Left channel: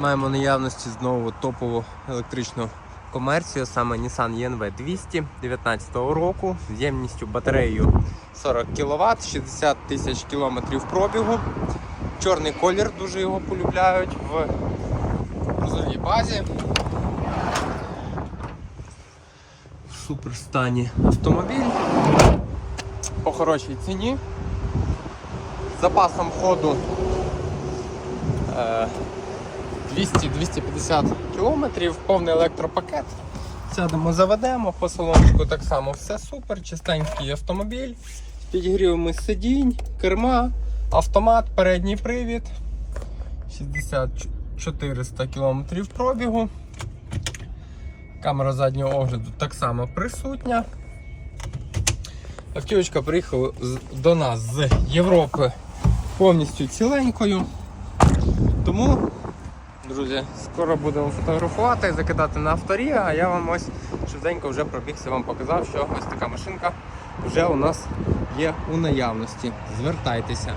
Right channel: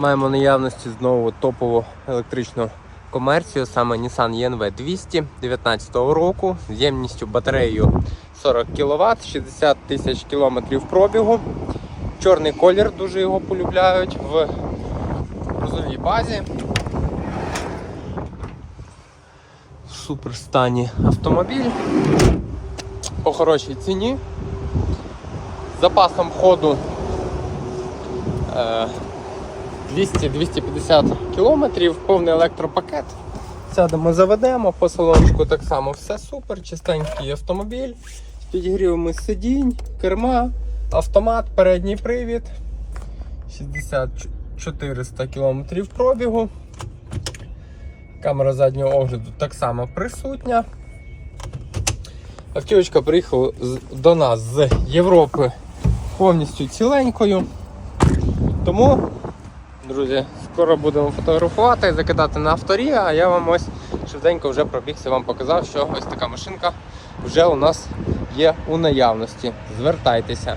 Маємо наявності знову топову електричну комерцію, саме Nissan ENV 200 19 року, ємністю батареєю 40 кВт, 60 тисяч кілометрів пробігу. Чорний колір дуже його полюбляють в грузовій базі. В супер стані автомобіль по хорошій ціні. Запасом ходу 200-250 км, повний електропакет. Сядемо, заведемо, по так само все супер, чистенький автомобіль з підігрівами сидінь, керма, автомат, передній привід, 60-400 км пробігу. Камера заднього огляду так само присутня. Автівочка приїхала до нас з Європи повністю ціленькою. Тому, друзі, скоро будемо фотографувати і закидати на авторі, а я вам ось швиденько вже пробігся, вам показав, що ось така машинка вже у нас є у наявності. Звертайтеся.